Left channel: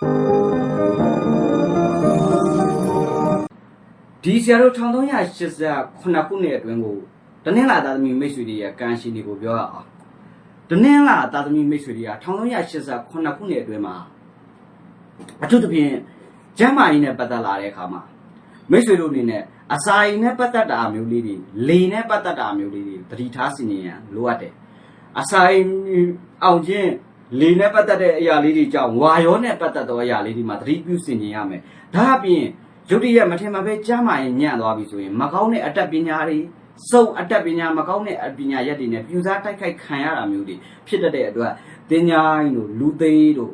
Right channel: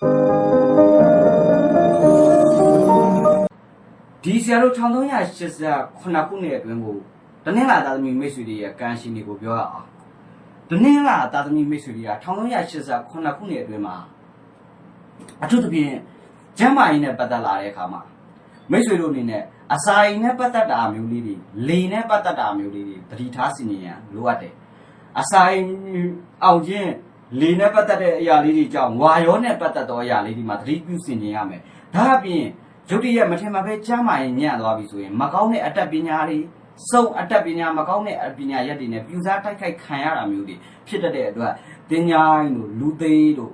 ဒီဆရာတို့1388ခုနှစ်အတွင်းကိုတနင်္လာသားသမီးမိတ်ဆွေတွေရဲ့ကံရှင်တွေကိုပြောရအောင်တနင်္လာသားသမီးမိတ်ဆွေတွေက1388ခုနှစ်အတွင်းမှာအထူးသဖြင့်ကျမ်းမာရေးနဲ့ပတ်သက်လာတဲ့အခါမှာမိတ်ဆွေတို့အနေနဲ့အစာအိမ်နဲ့ပတ်သက်တာမျိုးလေးတွေလေနဲ့ပတ်သက်တာမျိုးလေးတွေသတိထားစီနေရန်လိုအပ်တယ်အစာအိမ်အောင်ချင်း လေနဲ့ပတ်သက်တဲ့အရာလေးတွေကြောင့်ဝါရောနဲ့ပတ်သက်သောအရာလေးတွေမှာသတိပြုစီနေရမယ်ဒါအပြင်ရုတ်တရက်မထင်မှပဲကျမ်းမာရင်ညံ့သွားပြီဆိုရင်မကောင်းတဲ့အတတ်ပညာတွေစုံအတတ်ပညာမကောင်းတဲ့ပညာရက်တွေနဲ့ပြူစားတိုက်ခိုက်ခံရတာမျိုးတွေဖြစ်တတ်တဲ့အတွက်တင်ညာတို့လူသေးတို့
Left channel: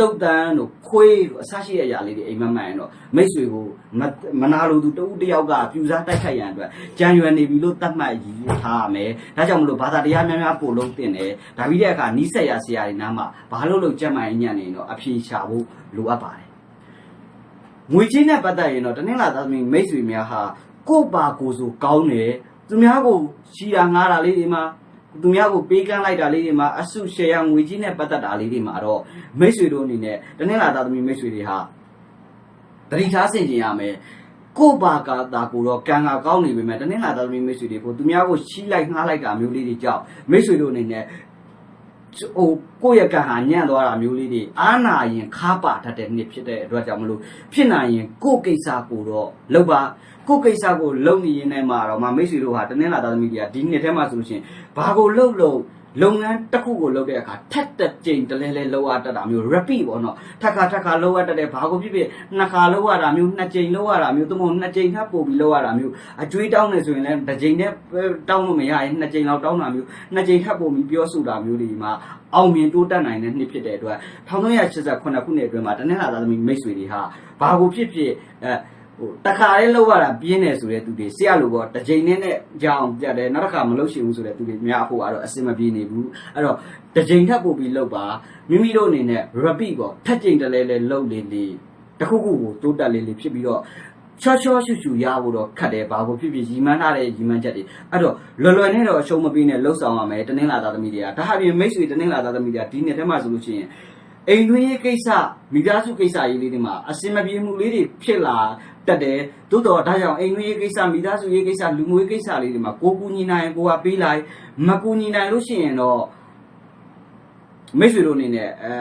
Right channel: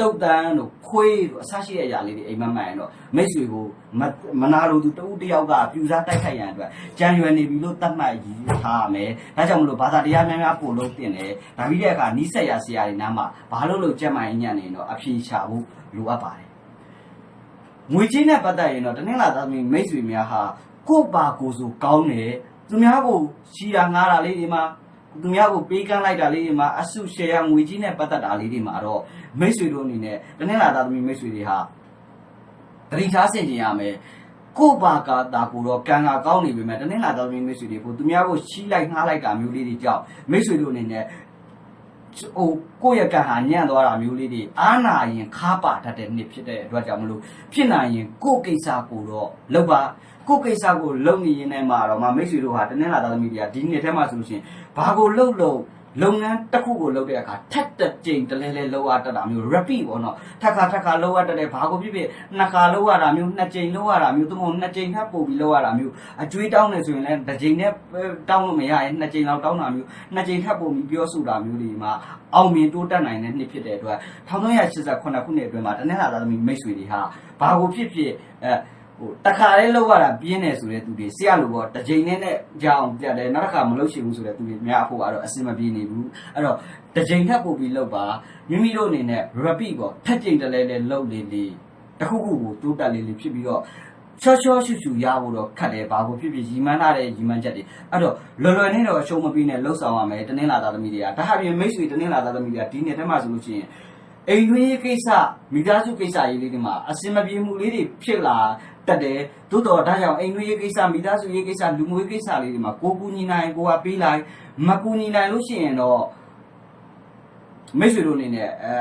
တုတ်တန်းတို့ခွေးတို့အစရှိတဲ့အရာလေးတွေအိမ်မက်မှန်ရင်တော့မိတ်ဆွေကိုမမနာလိုသူတဦးတစ်ယောက်ကပြူစားတိုက်ခိုက်ရန်အတွက်ကြံရွယ်နေပြီလို့သတ်မှတ်ရည်ထားရမယ်ဒါကြောင့်မလို့ဘာသာတရားများများပို့လို့တင်တယ်ဒါပြီးတဲ့အခါနီးစက်ရဆရာတွေနားမှာဘာလို့လို့ကြက်မှန်ညံ့နေရင်တော့အဖြေရှာဖို့လိုအပ်ပါတယ်ငွေချင်းနဲ့ပတ်သက်ရင်တော့တနင်္လာသားသမီးမိတ်ဆွေများဟာကိုယ့်ပါကိုယ်ဆိုကောင်းတယ်သူများကိုရှီတာငားတာလေးတွေမှာ သူများကိုပေးကမ်းလိုက်တာလေးတွေမှာအဆုရှယ်ယာငွေချင်းနဲ့ပတ်သက်တာလေးတွေမှာတော့မိတ်ဆွေတို့အနေနဲ့တနင်္လာသားသမီးမိတ်ဆွေတွေဟာတတိထားဆင်ကျင်ရမယ်ကိုယ့်ဘာကတာကိုတော့ကံကကောင်းနေပေမဲ့တနင်္လာသားသမီးမိတ်ဆွေတွေကိုသူများကိုချီးလိုက်ငှားလိုက်တာမျိုးလေးတွေကြောင့်မိတ်ဆွေတို့အနေနဲ့ ဟိုကိုယ့်ရဲ့ကံဟာညံ့သွားတာမျိုးလေးတွေအားနာရင်ခါပါတတ်တဲ့နှစ်ဖြစ်တဲ့အတွက်ကြောင့်မလို့ဖြစ်နိုင်ရင်ကိုယ့်ကိစ္စကိုတော့လုပ်ပါကိုယ့်ကိစ္စကိုလုပ်နေရင်လည်းမှာတော့မမိတ်ဆွေတို့ဟာတနင်္လာသားသမီးတွေကဒီနှစ်ထဲမှာဆိုလို့ရှိရင်ဘာကိုလုပ်လို့ လုပ်ငန်းတစ်ခုကိုလုပ်တဲ့အခါထက်တဲ့ကြိမ်တလဲလဲလောက်ရတတ်တာမျိုး repeat ပေါ့နော်ထက်ခါထက်ခါလောက်ရတတ်တဲ့ဘာကိုဖြစ်ဖြစ်နှစ်ခါလောက်ရတာမျိုးနှစ်ကြိမ်လောက်ရတာမျိုးသို့မဟုတ်နှစ်ကြိမ်ထပ်ပို့ပြီးလောက်ရတာမျိုးအကျွေးတောင်းနေဆိုရင်လည်းတစ်ကြိမ်နဲ့တောင်းလို့မရရင်နှစ်ကြိမ်လောက်တောင်းတာမျိုးနှစ်ကြိမ်ထပ်ပို့ပြီးပြောဆိုတာမျိုးတွေမှာအောင်မြင်တိုးတက်နိုင်တဲ့နှစ်ဖြစ်တဲ့အတွက်1388ခုနှစ်အတွင်းမှာတနင်္လာသားသမီးမိတ်ဆွေတွေဟာဘာကိုဖြစ်ဖြစ်အဲ ဟိုတခါလေးလောက်ရတာပြင်းတယ်ဆိုတဲ့သူတွေဆရာလိုပေါ့တစ်ချိန်နဲ့နဲ့ကြောင်ပြတ်တယ်နောက်တစ်ခါမလုပ်ရှိဘူးဆိုတဲ့သူတွေများအဖို့ကတော့အစင်မပြေနေဘူးအဲ့တော့တစ်ချိန်ထပ်ပို့ပြီးလောက်ပါမိမိတို့အနေနဲ့ repeat ပေါ့ထက်ချိန်တလဲလဲလောက်လေလေတခုခုကိုတိုးတက်လေးလေးဖြစ်ပြီးတော့ချောချောရှူရှူရဖို့တော့ခတ်တယ်ဘာကိုဖြစ်ဖြစ်ရီမန်းထားတဲ့ရီမန်းချက်တွေအဲ့တော့လွယ်လွယ်နဲ့တော့အရှုံးမပေးနဲ့လှုပ်ဆောင်ရမယ်တနင်္လာသားသမီးတွေကဒါဟာပြင်မိတ်ဆွေတနင်္လာသားသမီးတွေကဒီနေ့တည်းမှဆိုလို့ရှိရင် အိမ်တွင်းရေးကိစ္စမိသားစုကိစ္စရေးလေးတွေမှာအစင်မပြေမှုလေးတွေဖြစ်လာတတ်တယ်သို့တော်ဒါကြောင့်အိမ်တွင်းရေးကိစ္စမိသားစုရေးကိစ္စလူမျိုးရေးကိစ္စလေးတွေမှာကိုကူညီနိုင်ကိုကပေးလိုက်မကူညီနိုင်လို့ရှိရင်တော့မိတ်ဆွေတို့အနေနဲ့အဲ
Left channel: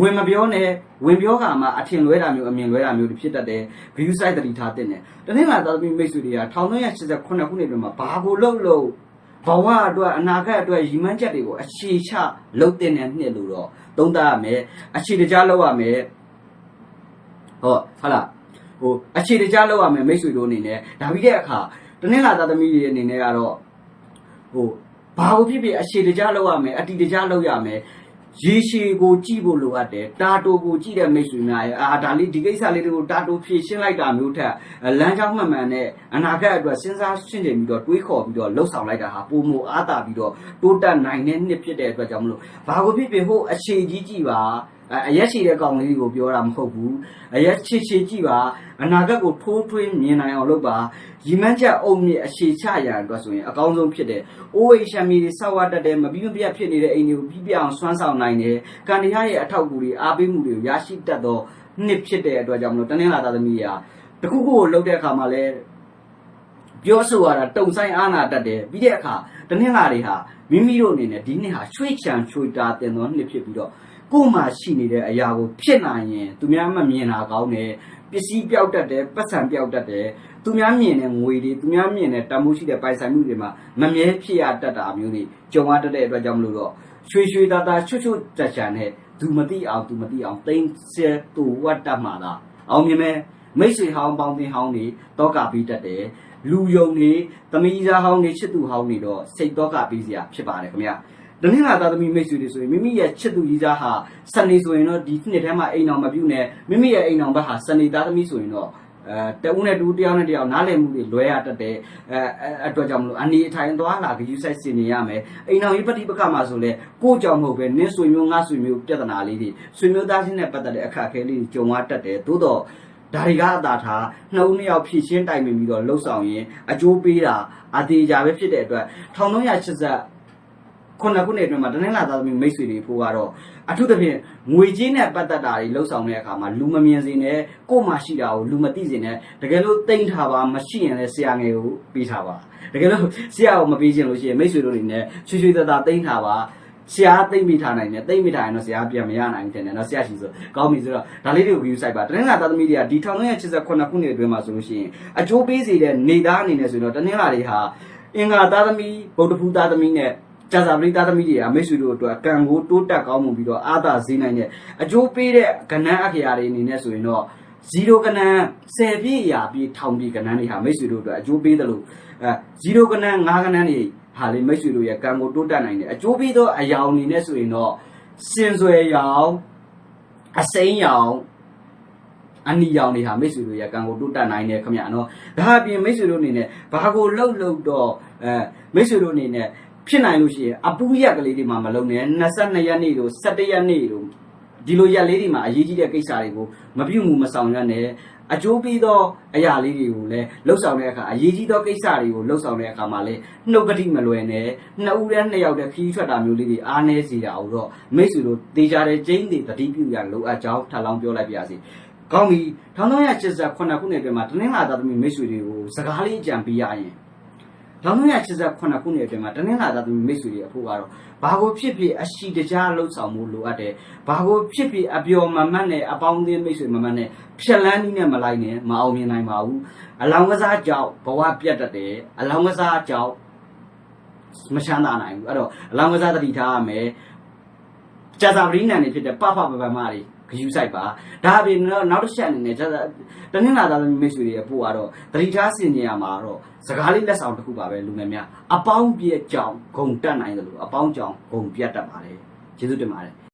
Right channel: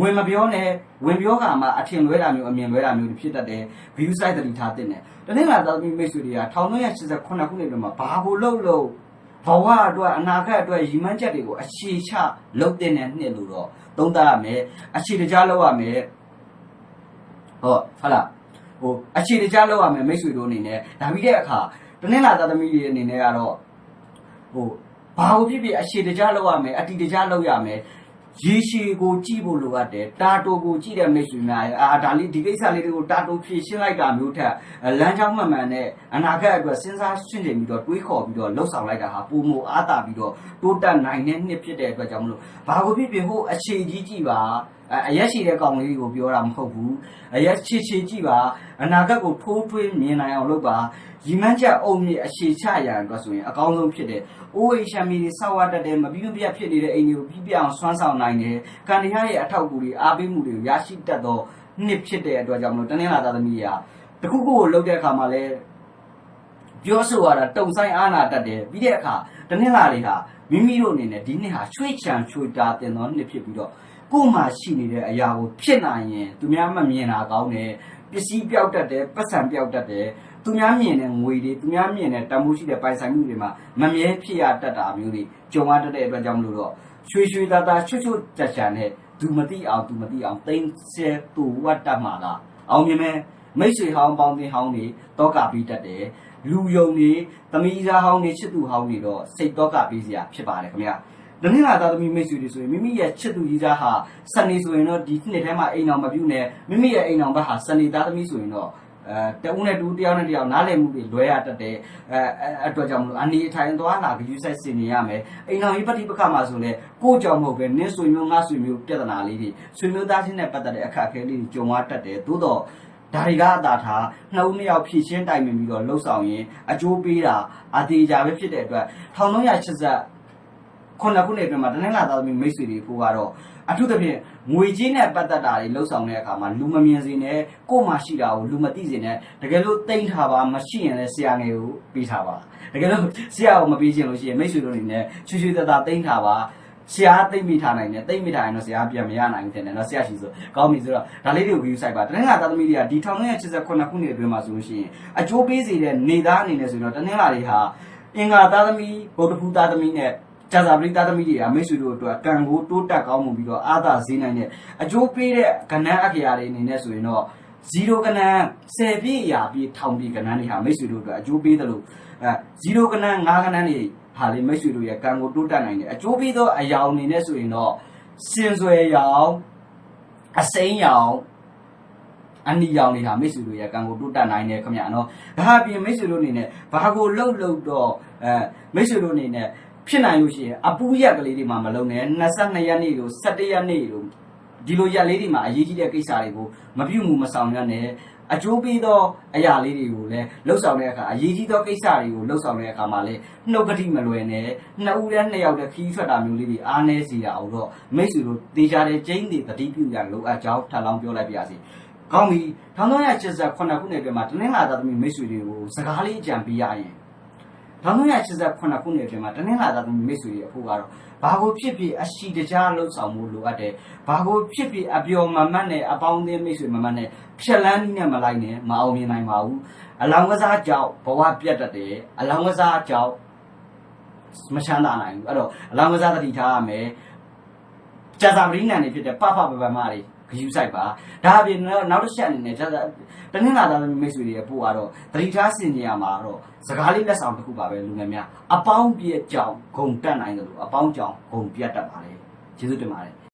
ဝင်မပြောနဲ့ဝင်ပြောကမှအထင်လွဲတာမျိုးအမြင်လွဲတာမျိုးတွေဖြစ်တတ်တယ် view site တတိထားတဲ့နဲ့တနင်္လာသားသမီးမိတ်ဆွေတွေက1389ခုနှစ်အတွင်းမှာဘာကိုလုပ်လို့ဘဝအတွက်အနာဂတ်အတွက်ရည်မှန်းချက်တွေကိုအခြေချလုပ်တဲ့နှစ်လို့တော့ သုံးသပ်ရမယ်အခြေတကြားလုပ်ရမယ်ဟုတ်ဟုတ်လားဟိုအခြေတကြားလုပ်ရမယ်မိတ်ဆွေတို့အနေနဲ့ဒါပြီးတဲ့အခါတနင်္လာသားသမီးတွေအနေနဲ့ကတော့ဟိုဘာကိုဖြစ်ဖြစ်အခြေတကြားလောက်ရမယ်အတီတကြားလောက်ရမယ် ရေရှည်ကိုကြည့်ဖို့လိုအပ်တယ်တာတိုကိုကြည့်တဲ့မိတ်ဆွေများရဲ့အာဒါလေးဒီကိစ္စလေးတွေကိုတာတိုဖြည့်ရှင်းလိုက်တာမျိုးထက်လမ်းကြောင်းမှန်မှန်နဲ့အနာဂတ်အတွက်စဉ်းစားရှင်းနေပြီးတော့တွေးခေါ်ပြီးတော့လှုပ်ဆောင်လိုက်တာဟာပုံမအားတာပြီးတော့တိုးတက်နိုင်တဲ့နှစ်ဖြစ်တဲ့အတွက်ကြောင့်မလို့ဘာကိုဖြစ်ဖြစ်ဟိုအခြေကြီးကြည့်ပါ အရက်ရှိတဲ့ကောင်လေးကိုပြောတာမဟုတ်ဘူးအရက်ချေချေကြည့်ပါအနာဂတ်ကိုထိုးထွင်းမြင်နိုင်အောင်လုပ်ပါရီမန်းချက်အုံမြင့်အခြေချရန်အတွက်ဆိုရင်အကောင်းဆုံးဖြစ်တဲ့အိုးအိမ်ရှမ်းမီတွေဆောက်ဝတ်တတ်တဲ့မပြီးမပြတ်ဖြစ်နေတဲ့အိမ်တွေကိုပြီးပြအောင်ဆွမ်းဆောင်နိုင်တယ်ကံတရားရဲ့အထောက်အကူတွေအားပေးမှုတွေကိုရရှိတတ်သောနှစ်ဖြစ်တဲ့အတွက်ကြောင့်မလို့တနင်္လာသားသမီးရာတခုခုကိုလုပ်တဲ့အခါမှာလဲပြောဆိုရတာတုံဆိုင်အာနာတတ်တယ်ပြီးတဲ့အခါတနင်္လာတွေဟာမိမိတို့အနေနဲ့ဒီနှစ်ဟာရွှေ့ချံရွှေ့တာတင်သောနှစ်ဖြစ်ပြီးတော့ ကိုယ်မှာရှိနေတဲ့အရာကိုဖြစ်နိုင်ရင်သူများမမြင်တာကောင်းတယ်ပစ္စည်းပြောက်တတ်တယ်ပတ်စံပြောက်တတ်တယ်သူများမြင်တဲ့ငွေတွေသူများမြင်တဲ့တန်ဖိုးရှိတဲ့ပိုင်ဆိုင်မှုတွေမှာမမြဲဖြစ်ရတတ်တာမျိုးတွေကြုံရတတ်တဲ့အတွက်ကြောင့်မလို့တော့ရွှေရွှေသားသားချွတ်ချွတ်ကြချာနဲ့သူမသိအောင်သူမသိအောင်တိမ့်ဆဲတူဝတ်တတ်မှာလားအောင်မြင်မဲ့မိတ်ဆွေဟောင်းပေါင်းတင်ဟောင်းတွေတောကပြီးတတ်တယ်လူယုံတွေသမီးသားဟောင်းတွေချစ်သူဟောင်းတွေတော့စိတ်တောကပြီးစရာဖြစ်ပါတယ်ခင်ဗျာ တနင်္လာသားသမီးမိတ်ဆွေတွေဆိုရင်မိမိရဲ့ချစ်သူကြီးသားဟာစနေဆိုရင်တော့ဒီနှစ်ထဲမှာအိမ်အောင်မပြုတ်နဲ့မိမိရဲ့အိမ်အောင်ဘက်ဟာစနေသားသမီးဆိုရင်တော့အဲတဦးနဲ့တူတယောက်နဲ့တယောက်နားလည်မှုတွေလွဲရတတ်တယ်အဲအတွက်ကြောင့်မလို့အနေအထိုင်သွားလာကြည့်ဆိုင်စင်နေရမယ်အိမ်အောင်ကြီးပฏิပက္ခမှာဆိုလဲကိုကြောင့်မဟုတ်ပဲနင်းဆွေမျိုးငါဆွေမျိုးပြဿနာလေးတွေဆွေမျိုးသားချင်းနဲ့ပတ်သက်တဲ့အခက်အခဲလေးတွေကြုံရတတ်တယ်သို့တော့ဒါတွေကအသာထားနှစ်ဦးနှစ်ယောက်ဖြည့်ရှင်းတိုင်ပင်ပြီးတော့လှုပ်ဆောင်ရင်အကျိုးပေးတာအသေးကြပဲဖြစ်တဲ့အတွက်1380 ခုနှစ်ခုနှစ်အတွင်းမှာတနင်္လာသားသမီးမိတ်ဆွေတွေဖို့ကတော့အထူးသဖြင့်ငွေကြေးနဲ့ပတ်သက်တာတွေလှုပ်ဆောင်တဲ့အခါမှာလူမမြင်စေနဲ့ကိုယ်မှရှိတာကိုလူမသိစေနဲ့တကယ်လို့တိမ့်ထားပါမရှိရင်လည်းဆရာငယ်ကိုပေးထားပါတကယ်လို့ဆရာကိုမပေးချင်လို့ရှိရင်မိတ်ဆွေတို့အနေနဲ့ချွေချွေတသားတိမ့်ထားပါဆရာသိမ့်မိထားနိုင်တယ်တိမ့်မိထားရင်တော့ဆရာပြန်မရနိုင်ဘူးတင်တယ်နော်ဆရာရှိဆိုကောင်းပြီဆိုတော့ဒါလေးတွေကို view site ပါတနင်္လာသားသမီးတွေကဒီ1989ခုနှစ်အတွင်းမှာဆိုလို့ရှိရင်အကျိုးပေးစေတဲ့နေသားအနေနဲ့ဆိုတော့တနင်္လာတွေဟာအင်္ဂါသားသမီးဗုဒ္ဓဖူးသားသမီးနဲ့ ကျန်စာပရိသတ်သမီးတွေကမိတ်ဆွေတို့အတွက်ကံကိုတိုးတက်ကောင်းမှုပြီးတော့အာသာဈေးနိုင်တဲ့အကျိုးပေးတဲ့ကဏ္ဍအခရာတွေအနေနဲ့ဆိုရင်တော့0ကဏ္ဍ10ပြည့်ရာပြည့်ထောင်ပြည့်ကဏ္ဍတွေဟာမိတ်ဆွေတို့အတွက်အကျိုးပေးတယ်လို့အဲ0ကဏ္ဍ5ကဏ္ဍတွေဟာလေမိတ်ဆွေတို့ရဲ့ကံကိုတိုးတက်နိုင်တယ်အကျိုးပေးသောအယောင်အနေနဲ့ဆိုရင်တော့စင်ဆွယ်ရောင်အစိမ်းရောင်အနီရောင်တွေဟာမိတ်ဆွေတို့ရဲ့ကံကိုတိုးတက်နိုင်တယ်ခင်ဗျာနော်ဒါအပြင်မိတ်ဆွေတို့အနေနဲ့ဘာကိုလှုပ်လှုပ်တော့အဲမိတ်ဆွေတို့အနေနဲ့ ဖြစ်နိုင်လို့ရှိရင်အပူရက်ကလေးတွေမှာမလုံနဲ့22ရက်နေ့တို့17ရက်နေ့တို့ဒီလိုရက်လေးတွေမှာအရေးကြီးတဲ့ကိစ္စတွေကိုမပြုတ်မှုမဆောင်ရနဲ့အကျိုးပေးသောအရာလေးတွေကိုလည်းလှုပ်ဆောင်တဲ့အခါအရေးကြီးသောကိစ္စတွေကိုလှုပ်ဆောင်တဲ့အခါမှာလည်းနှုတ်ကတိမလွယ်နဲ့နှစ်ဦးနဲ့နှစ်ယောက်တည်းခီးထွက်တာမျိုးလေးတွေအားနည်းစေတာကိုတော့မိတ်ဆွေတို့တေချာတဲ့ကျင်းတွေတတိပြုရလိုအပ်ကြောင်းထပ်လောင်းပြောလိုက်ပါရစေ။ကောင်းပြီ1389ခုနှစ်အတွင်းမှာတနင်္လာသားသမီးမိတ်ဆွေတွေကိုစကားလေးအကြံပေးရရင် 1389ခုနှစ်အတွင်းမှာတနင်္လာသားသမီးမိတ်ဆွေတွေအဖို့ကတော့ဘာကိုဖြစ်ဖြစ်အရှိတကြားလှုပ်ဆောင်မှုလိုအပ်တယ်။ဘာကိုဖြစ်ဖြစ်အပျော်မမတ်နဲ့အပေါင်းအသင်းမိတ်ဆွေမမတ်နဲ့ဖြက်လန်းနည်းနဲ့မလိုက်နဲ့မအောင်မြင်နိုင်ပါဘူး။အလောင်းကစားကြောင့်ဘဝပြတ်တတ်တယ်။အလောင်းကစားကြောင့်မချမ်းသာနိုင်ဘူး။အဲ့တော့အလောင်းကစားတတိထားရမယ်။ကြာစာပရိနန်တွေဖြစ်တဲ့ပပပပမတွေ ဂယူဆိုင်ပါဒါအပြင်နောက်နောက်တစ်ချက်အနေနဲ့ကြာစာတနင်္လာသားသမီးမိတ်ဆွေတွေရဲ့ပို့ကတော့တတိထားစင်ကြရမှာတော့စကားလေးလက်ဆောင်တစ်ခုပါပဲလူငယ်များအပေါင်းပြည့်ကြောင်ဂုံတက်နိုင်တယ်လို့အပေါင်းကြောင်ဂုံပြတ်တတ်ပါတယ်ကျေးဇူးတင်ပါတယ်